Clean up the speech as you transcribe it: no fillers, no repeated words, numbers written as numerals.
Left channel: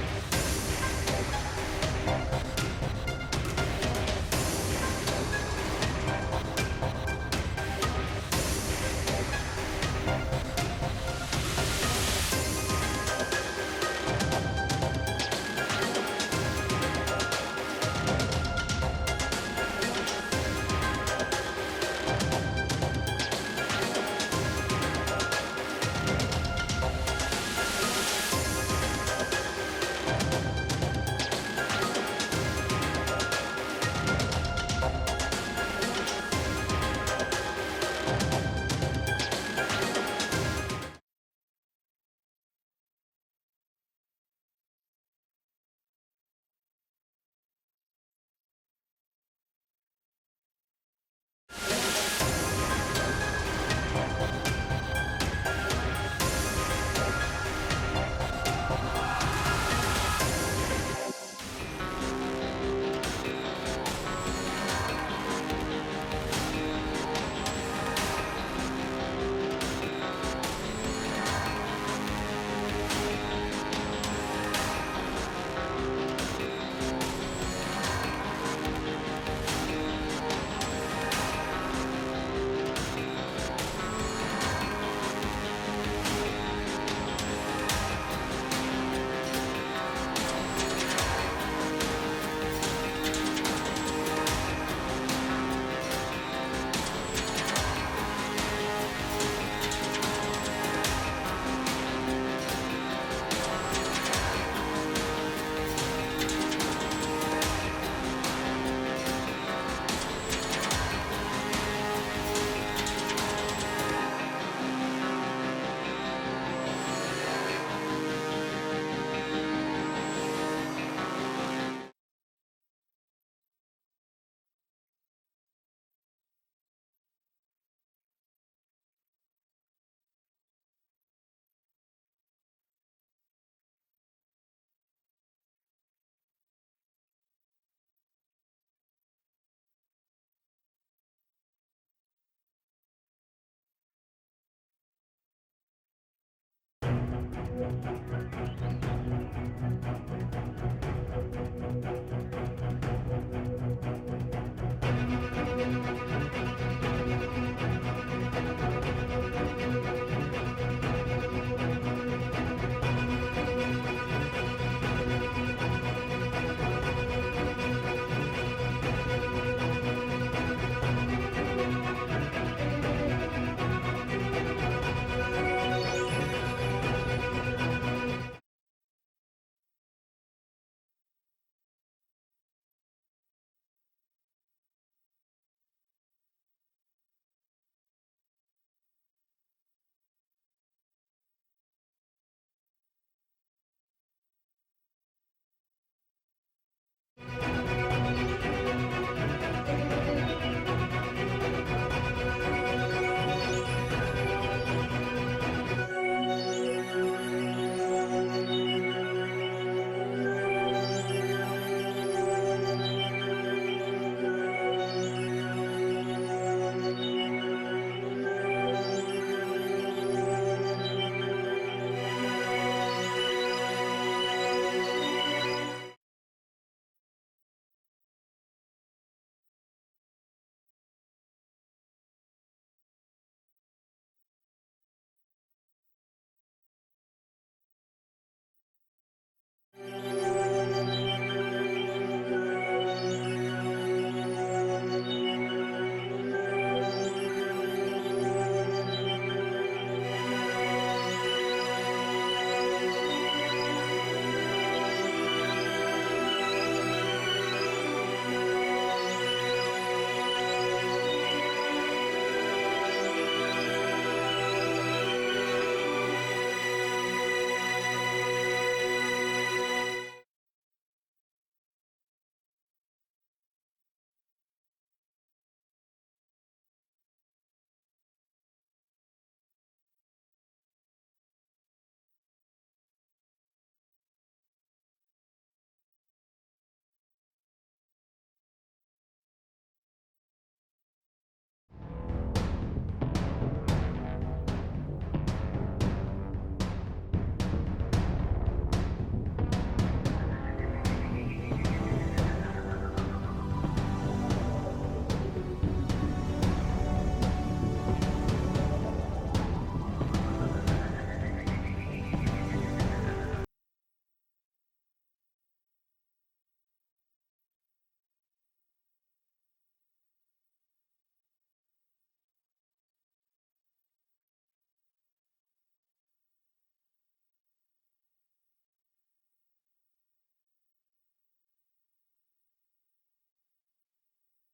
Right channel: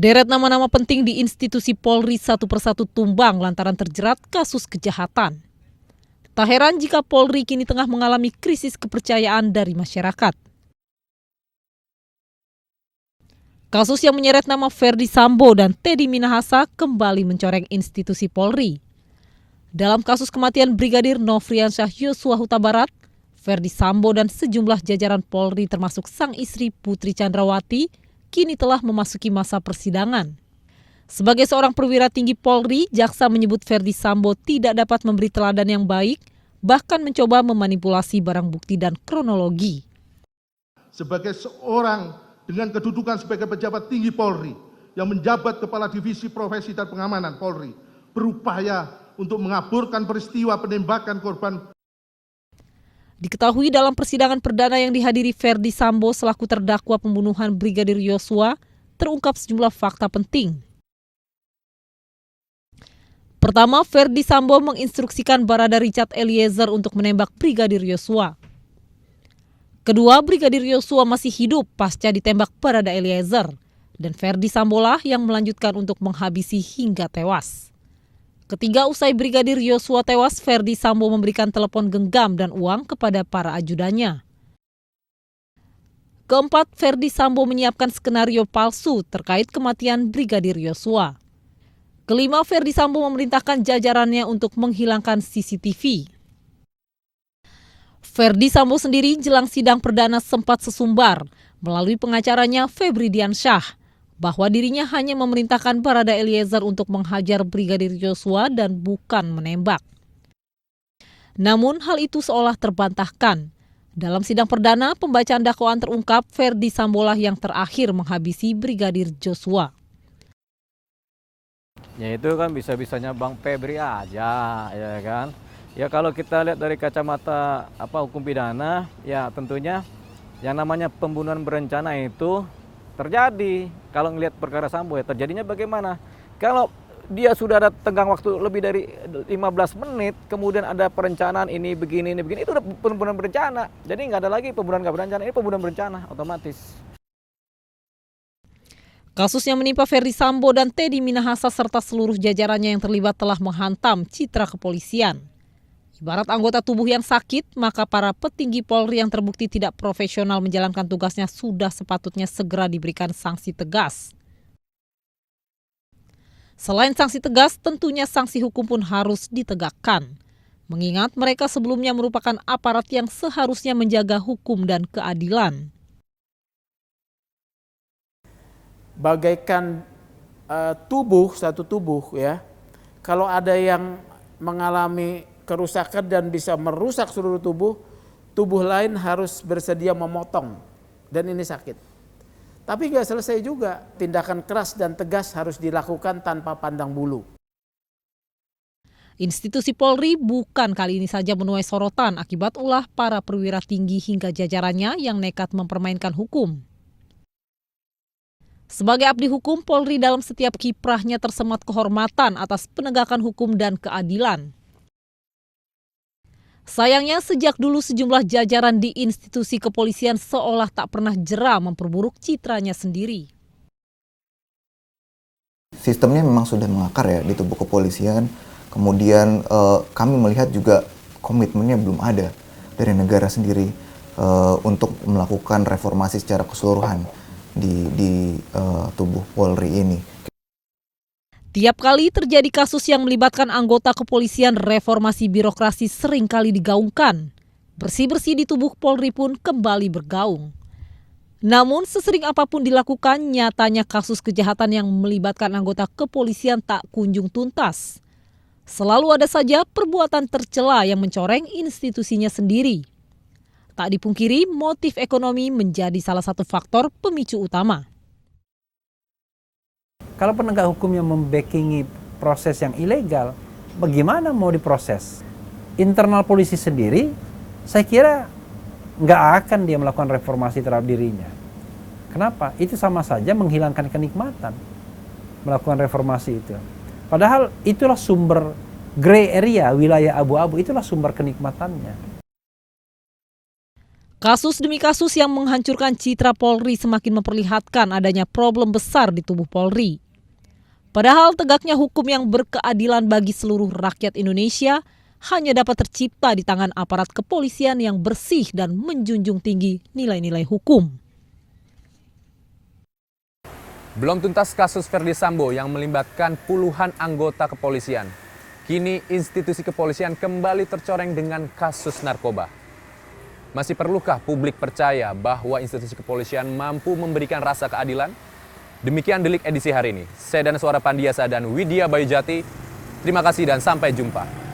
Sederet nama-nama penting di institusi Polri satu persatu tumbang lantaran terjerat kasus kejahatan. Tak heran jika Polri kini tengah mengalami krisis kepercayaan dari masyarakat. Kasus yang menyeret nama Ferdy Sambo dan Teddy Minahasa kembali mencoreng institusi Polri. Dalam kasus kematian Brigadir Nofriansyah Yosua Huta Barat, Ferdy Sambo dan sejumlah jajaran Polri termasuk sang istri Putri Chandrawati kini telah memasuki masa persidangan. Sebagai seorang perwira tinggi Polri, jaksa menyebut Ferdy Sambo tidak dapat memberi teladan yang baik, bahkan mencoba memanipulasi barang bukti dan kronologi. Sebagai seorang dengan kedudukan sebagai pejabat tinggi Polri yang menjabat Kepala Divisi Profesi dan Pengamanan Polri berupaya untuk mengaburkan peristiwa penembakan korban. Diketahui dalam persidangan perdana yang dihadiri Ferdy Sambo selaku terdakwa pembunuhan Brigadir Yosua, terungkap sejumlah fakta penting. Pertama, Ferdy Sambo menginstruksikan Barada Richard Eliezer untuk menembak Brigadir Yosua. Kedua, Brigadir Yosua masih hidup pasca ditembak Barada Eliezer, dan Ferdy Sambo lah yang melanjutkan untuk menghabisi hingga tewas. Ketiga, usai Brigadir Yosua tewas, Ferdy Sambo memberikan telepon genggam dan uang kepada para ajudannya. Keempat, Ferdy Sambo menyiapkan skenario palsu terkait kematian Brigadir Yosua. Kelima, Ferdy Sambo memerintahkan jajarannya untuk menghilangkan CCTV. Ferdy Sambo sendiri jelang sidang perdana sempat sesumbar melalui pengacaranya Febri Diansyah bahwa dirinya hanya memerintahkan Barada Eliezer untuk menghajar Brigadir Yosua dan bukan menembak. Namun hal itu seolah terbantahkan. Dalam sidang perdana, pembacaan dakwaan terungkap Ferdy Sambolah yang terakhir menghabisi Brigadir Yosua. Ya itu kan bisa-bisanya Bang Febri aja, ya kan. Ya kalau kita lihat dari kacamata hukum pidana, ya tentunya yang namanya pembunuhan berencana itu terjadi. Kalau ngelihat perkara Sambo ya terjadinya bagaimana? Kalau dia sudah ada tenggang waktu lebih dari 15 menit, kemudian ada perencanaan ini begini, itu udah pembunuhan berencana. Jadi nggak ada lagi pembunuhan nggak berencana, ini pembunuhan berencana otomatis. Kasus yang menimpa Ferdy Sambo dan Teddy Minahasa serta seluruh jajarannya yang terlibat telah menghantam citra kepolisian. Ibarat anggota tubuh yang sakit, maka para petinggi Polri yang terbukti tidak profesional menjalankan tugasnya sudah sepatutnya segera diberikan sanksi tegas. Selain sanksi tegas, tentunya sanksi hukum pun harus ditegakkan. Mengingat mereka sebelumnya merupakan aparat yang seharusnya menjaga hukum dan keadilan. Bagaikan satu tubuh ya, kalau ada yang mengalami kerusakan dan bisa merusak seluruh tubuh lain harus bersedia memotong, dan ini sakit. Tapi nggak selesai juga, tindakan keras dan tegas harus dilakukan tanpa pandang bulu. Institusi Polri bukan kali ini saja menuai sorotan akibat ulah para perwira tinggi hingga jajarannya yang nekat mempermainkan hukum. Sebagai abdi hukum, Polri dalam setiap kiprahnya tersemat kehormatan atas penegakan hukum dan keadilan. Sayangnya sejak dulu sejumlah jajaran di institusi kepolisian seolah tak pernah jera memperburuk citranya sendiri. Sistemnya memang sudah mengakar ya di tubuh kepolisian. Kemudian kami melihat juga komitmennya belum ada dari negara sendiri untuk melakukan reformasi secara keseluruhan di tubuh Polri ini. Tiap kali terjadi kasus yang melibatkan anggota kepolisian, reformasi birokrasi seringkali digaungkan. Bersih-bersih di tubuh Polri pun kembali bergaung. Namun sesering apapun dilakukan, nyatanya kasus kejahatan yang melibatkan anggota kepolisian tak kunjung tuntas. Selalu ada saja perbuatan tercela yang mencoreng institusinya sendiri. Tak dipungkiri, motif ekonomi menjadi salah satu faktor pemicu utama. Kalau penegak hukum yang membackingi proses yang ilegal, bagaimana mau diproses? Internal polisi sendiri, saya kira nggak akan dia melakukan reformasi terhadap dirinya. Kenapa? Itu sama saja menghilangkan kenikmatan melakukan reformasi itu. Padahal itulah sumber gray area, wilayah abu-abu, itulah sumber kenikmatannya. Kasus demi kasus yang menghancurkan citra Polri semakin memperlihatkan adanya problem besar di tubuh Polri. Padahal tegaknya hukum yang berkeadilan bagi seluruh rakyat Indonesia hanya dapat tercipta di tangan aparat kepolisian yang bersih dan menjunjung tinggi nilai-nilai hukum. Belum tuntas kasus Verdi Sambo yang melibatkan puluhan anggota kepolisian. Kini institusi kepolisian kembali tercoreng dengan kasus narkoba. Masih perlukah publik percaya bahwa institusi kepolisian mampu memberikan rasa keadilan? Demikian Delik edisi hari ini. Saya Dana Suara Pandiasa dan Widya Bayujati. Terima kasih dan sampai jumpa.